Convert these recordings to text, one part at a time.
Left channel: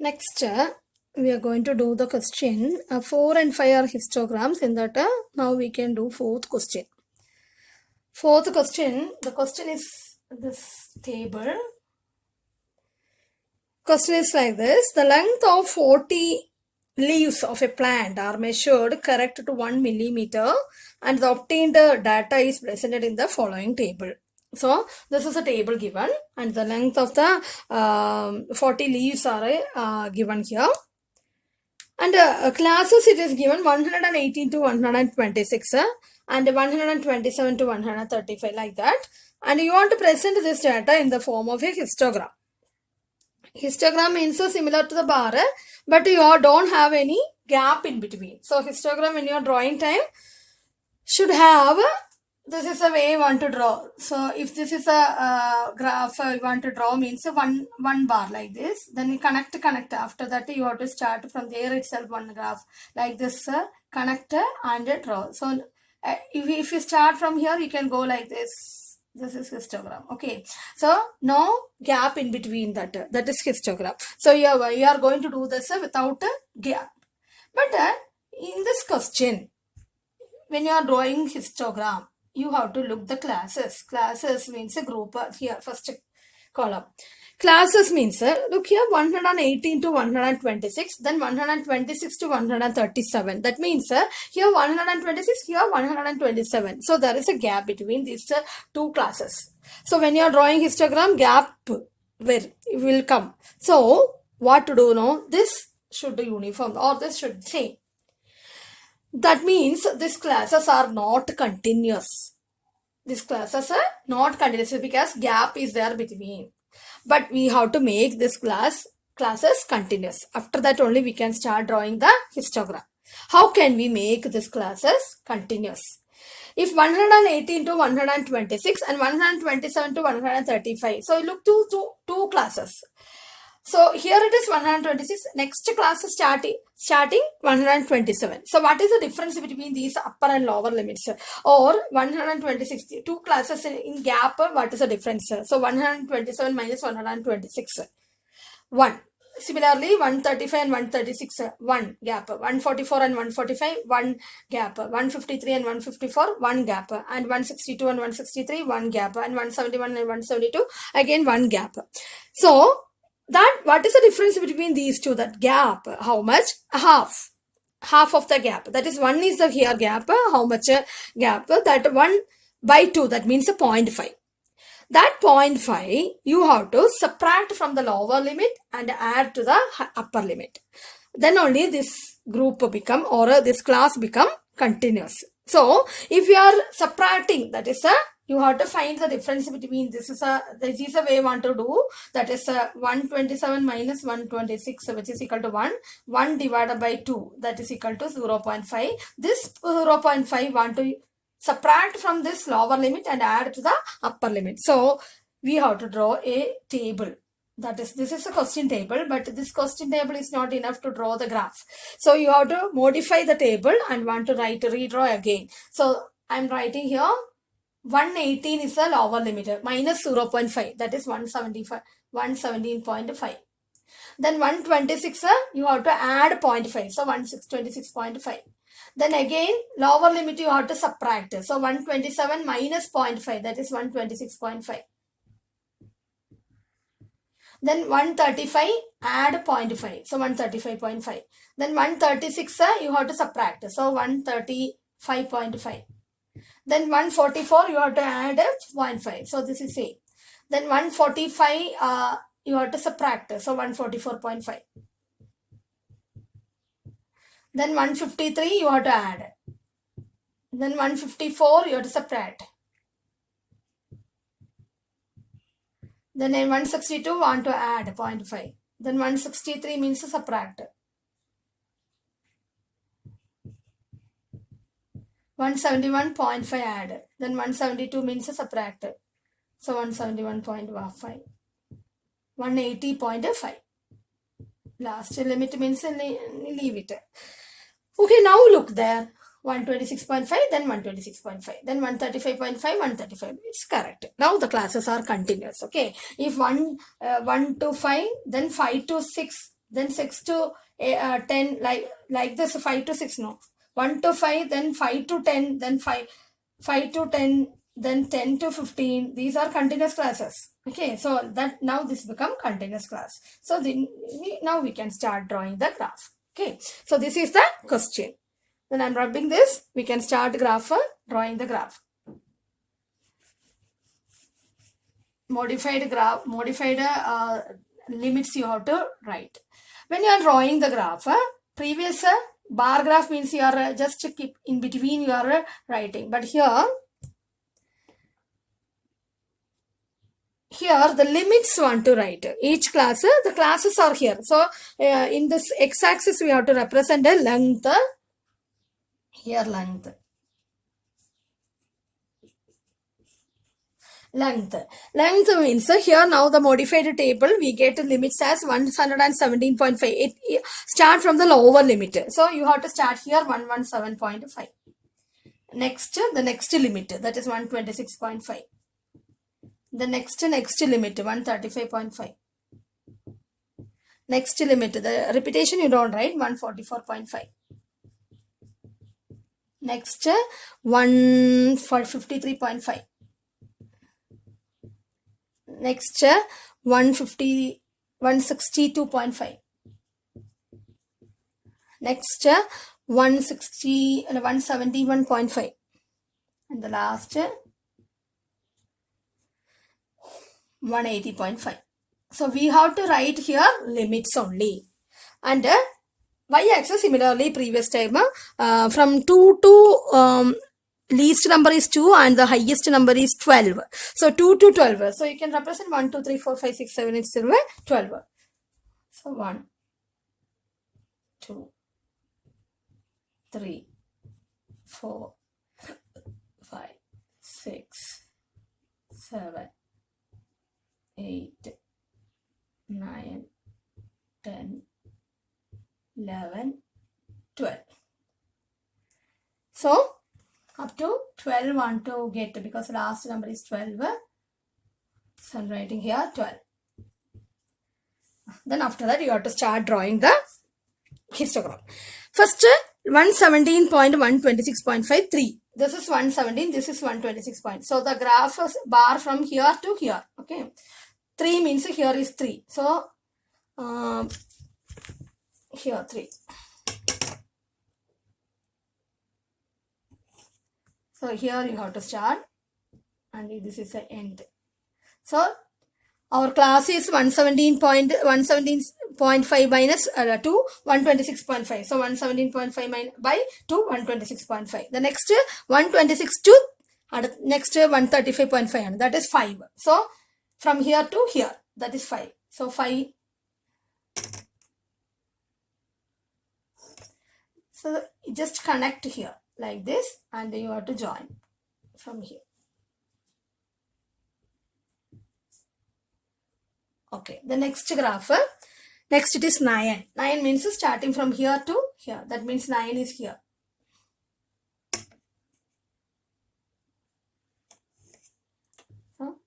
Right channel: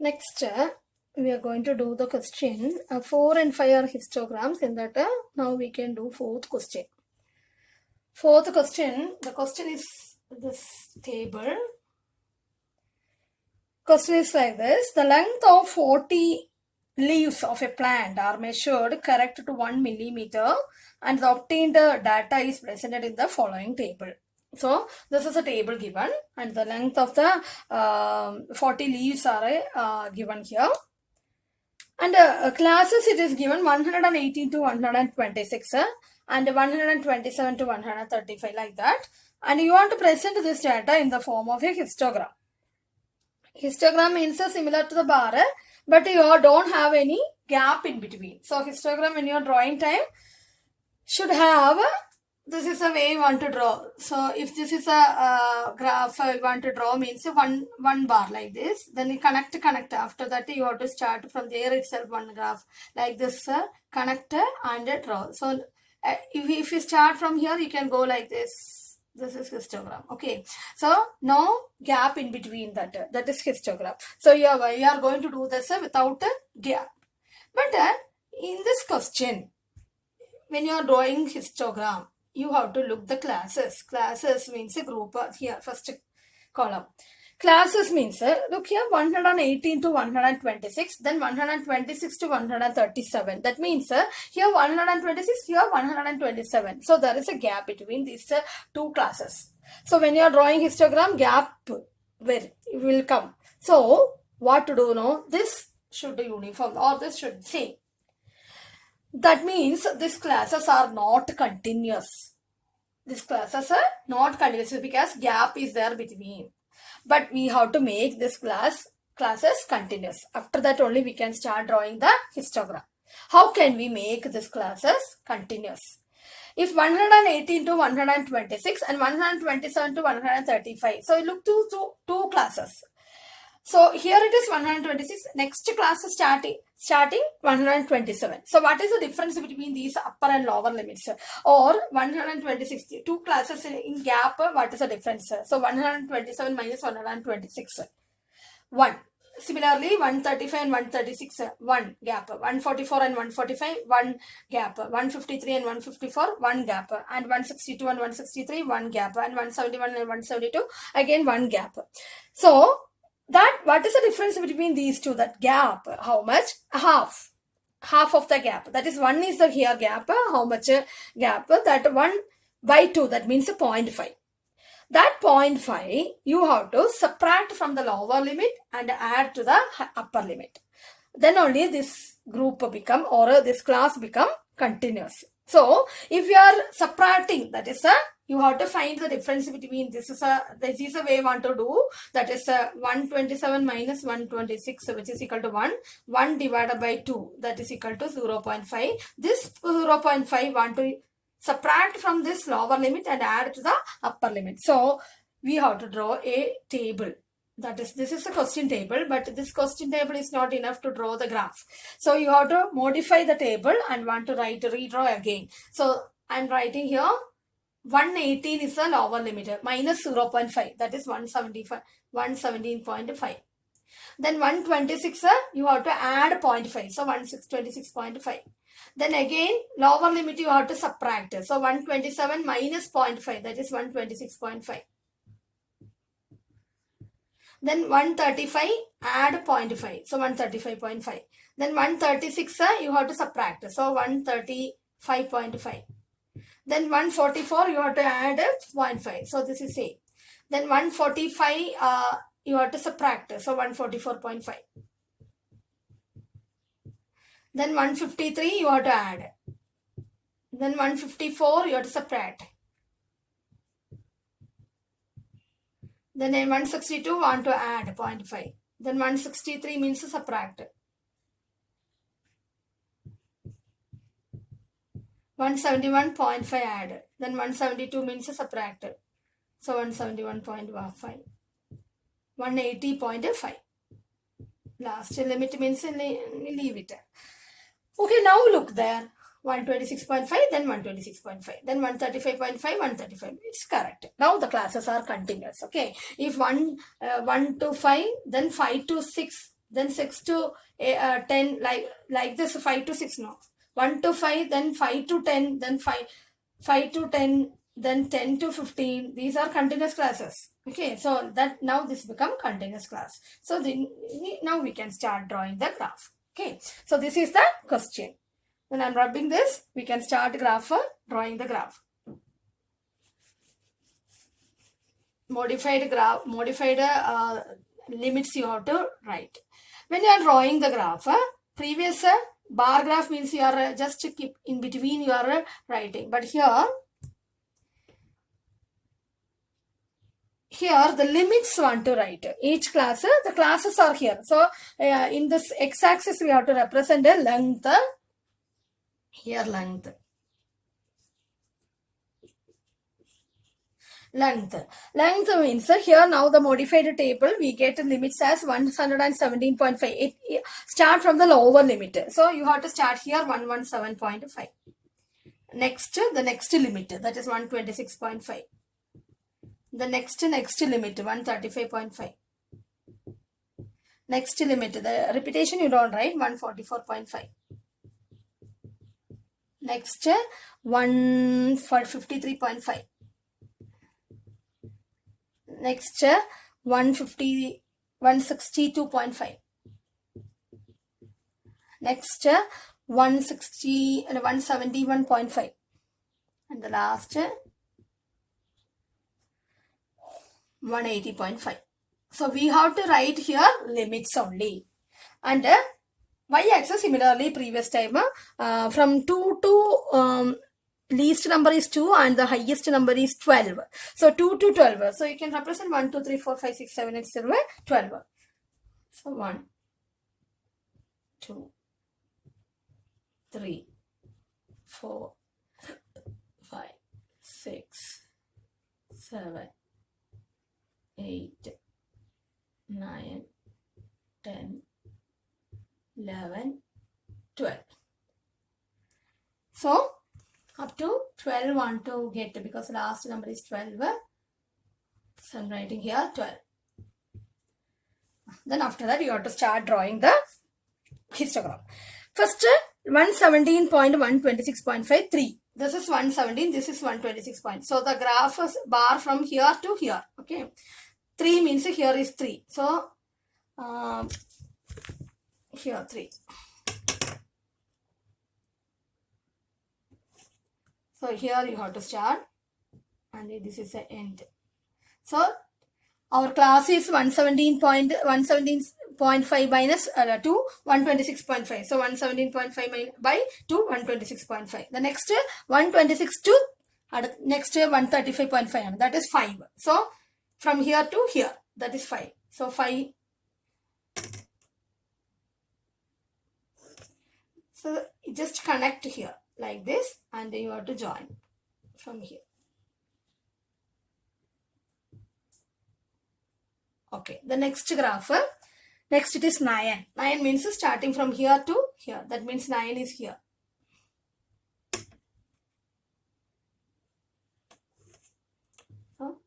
Next, we are going to do the question. 4 and 5 are histograms. In that, now we can do fourth question. Fourth question, the question is this table. Question is like this. The length of 40 leaves of a plant are measured correct to 1 millimeter and the obtained data is presented in the following table. So this is a table given and the length of the 40 leaves are given here. And classes it is given 118 to 126 and 127 to 135 like that. And you want to present this data in the form of a histogram. Histogram means similar to the bar, but you don't have any gap in between. So histogram in your drawing time should have, this is a way you want to draw. So if this is a graph you want to draw means one bar like this, then you connect. After that you have to start from there itself one graph like this, connect and draw. So if you start from here, you can go like this. This is histogram. Okay, so no gap in between that is histogram. So you are going to do this without a gap. But in this question, when you are drawing histogram, you have to look the classes. Classes means a group here, first column. Classes means, look here, 118 to 126, then 126 to 137. That means here 126, here 127. So there is a gap between these two classes. So when you are drawing histogram, gap will come. So what to do now? This should be uniform or this should be same. That means these classes are not continuous. These classes are not continuous because gap is there between. But we have to make this classes continuous. After that only we can start drawing the histogram. How can we make this classes continuous? If 118 to 126 and 127 to 135. So look to two classes. So here it is 126. Next class is starting 127. So what is the difference between these upper and lower limits? Or 126, two classes in gap, what is the difference? So 127 minus 126, 1. Similarly, 135 and 136, 1 gap. 144 and 145, 1 gap. 153 and 154, 1 gap. And 162 and 163, 1 gap. And 171 and 172, again 1 gap. So that what is the difference between these two? That gap, how much? Half of the gap. That is 1 is the here gap. How much gap? That 1 by 2, that means 0.5. That 0.5 you have to subtract from the lower limit and add to the upper limit. Then only this group become or this class become continuous. So if you are subtracting, that is you have to find the difference between this is a way you want to do. That is 127 minus 126, which is equal to 1. 1 divided by 2, that is equal to 0.5. This 0.5 want to subtract from this lower limit and add to the upper limit. So we have to draw a table. That is, this is a question table, but this question table is not enough to draw the graph. So you have to modify the table and want to redraw again. So I'm writing here 118 is the lower limit minus 0.5, that is 117.5. Then 126 you have to add 0.5, so 26.5. Then again lower limit you have to subtract, so 127 minus 0.5, that is 126.5. Then 135 add 0.5, so 135.5. Then 136 you have to subtract, so 135.5. Then 144 you have to add 0.5, so this is A. Then 145 you have to subtract, so 144.5. Then 153 you have to add. Then 154 you have to subtract. Then in 162 want to add 0.5. Then 163 means to subtract. 171.5 add. Then 172 means to subtract. So 171.5. 180.5. Last limit means leave it. Okay, now look there. 126.5, then 126.5, then 135.5, 135. It's correct. Now the classes are continuous. Okay, if 1 to 5, then 5 to 6 then 6 to 10, like this, 5 to 6, no. 1 to 5, then 5 to 10, then 5 to 10, then 10 to 15. These are continuous classes. Okay, so that now this become continuous class. So then now we can start drawing the graph. Okay, so this is the question. Then I'm rubbing this. We can start drawing the graph. Modified limits you have to write. When you are drawing the graph, previous bar graph means you are just keep in between your writing. But here the limits want to write. Each class, the classes are here. So in this x-axis we have to represent a length. Here length. Length means here now the modified table we get limits as 117.5. It start from the lower limit. So you have to start here 117.5. Next, the next limit, that is 126.5. The next limit, 135.5. Next limit, the repetition you don't write, 144.5. Next, 153.5. Next, 162.5. Next, 171.5. And the last, 180.5. So we have to write here limits only. And y-axis similarly previous time from 2 to least number is 2 and the highest number is 12. So 2 to 12. So you can represent 1, 2, 3, 4, 5, 6, 7, 8, 12. So 1, 2, 3, 4, 5, 6, 7, 8, 9, 10, 11, 12. So up to 12 want to get, because the last number is 12. So I'm writing here 12. Then after that you have to start drawing the histogram. First 117.126.5, 3. This is 117, this is 126 point. So the graph is bar from here to here. Okay. 3 means here is 3. So here 3. So here you have to start and this is the end. So our class is 117.5 minus 2, 126.5. So 117.5 by 2, 126.5. The next 126 to next 135.5. That is 5. So from here to here, that is 5. So 5. So just connect here like this and then you have to join from here. Okay, the next graph, next it is 9. 9 means starting from here to here. That means 9 is here. So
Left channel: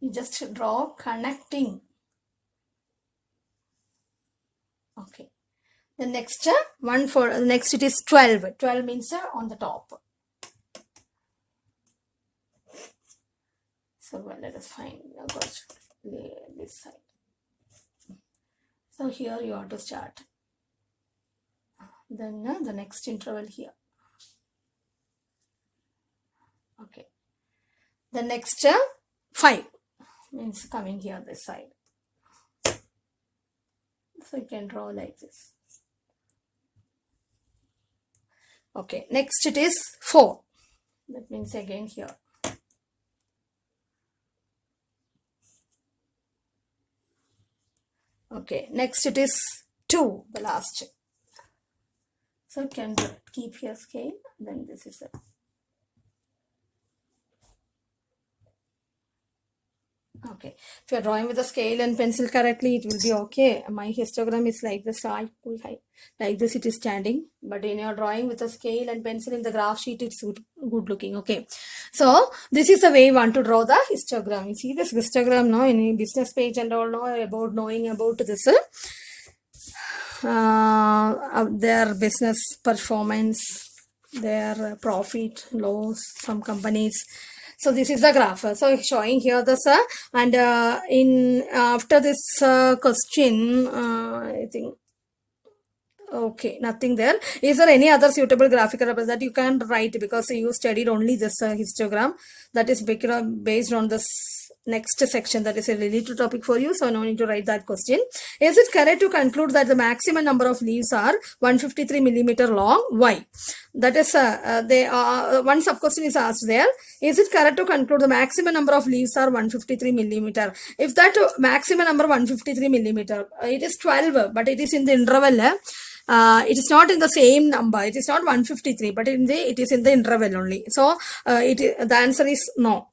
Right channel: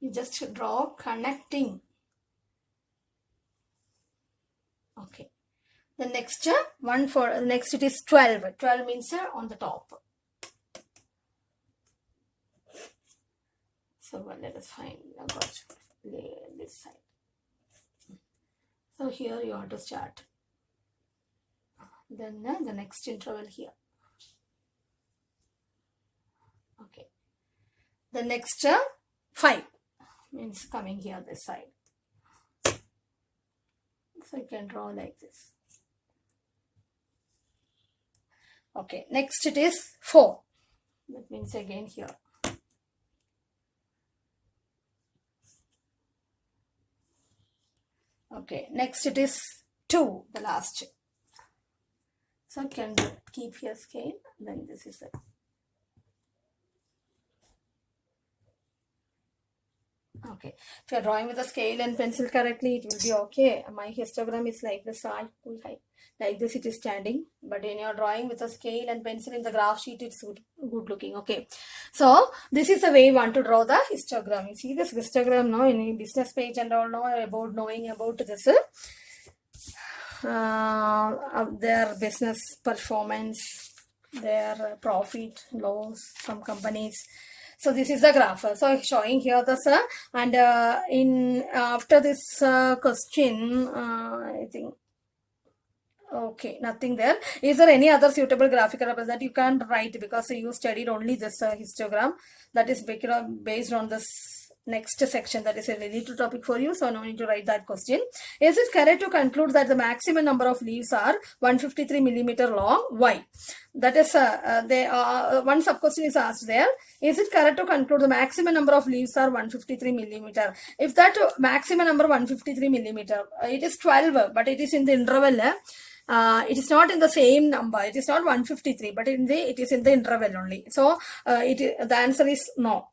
you just draw connecting. Okay. The next one for next it is 12. 12 means on the top. So let us find this side. So here you have to start. Then the next interval here. Okay. The next 5 means coming here this side. So you can draw like this. Okay, next it is 4. That means again here. Okay, next it is 2, the last. So you can keep here scale, then this is it. Okay, if you're drawing with a scale and pencil correctly, it will be okay. My histogram is like this, like this it is standing, but when you're drawing with a scale and pencil in the graph sheet, it's good looking. Okay, so this is the way you want to draw the histogram. You see this histogram now in business page and all, know about knowing about this their business performance, their profit, loss, some companies. So this is the graph. So showing here the and in after this question, I think. Okay, nothing there. Is there any other suitable graphical representation that you can write because you studied only this histogram that is based on this next section that is a related topic for you. So no need to write that question. Is it correct to conclude that the maximum number of leaves are 153 millimeter long? Why? That is one sub question is asked there. Is it correct to conclude the maximum number of leaves are 153 millimeter? If that maximum number 153 millimeter, it is 12, but it is in the interval. It is not in the same number. It is not 153, but it is in the interval only. So the answer is no,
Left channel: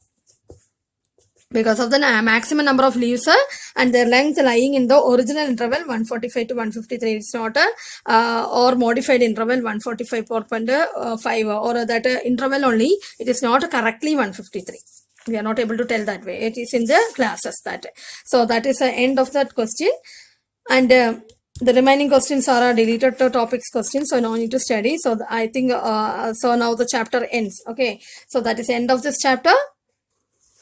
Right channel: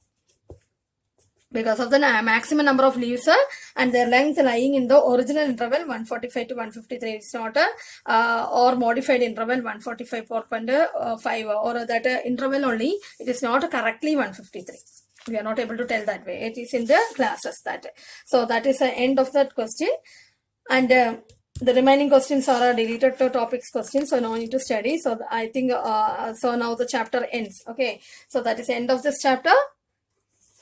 because of the maximum number of leaves and their length lying in the original interval 145 to 153. It's not or modified interval 145.5 or that interval only. It is not correctly 153. We are not able to tell that way. It is in the classes that. So that is the end of that question. And the remaining questions are deleted topics questions, so no need to study. So I think so now the chapter ends. Okay, so that is the end of this chapter,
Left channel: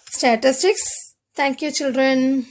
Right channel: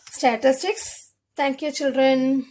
statistics. Thank you, children.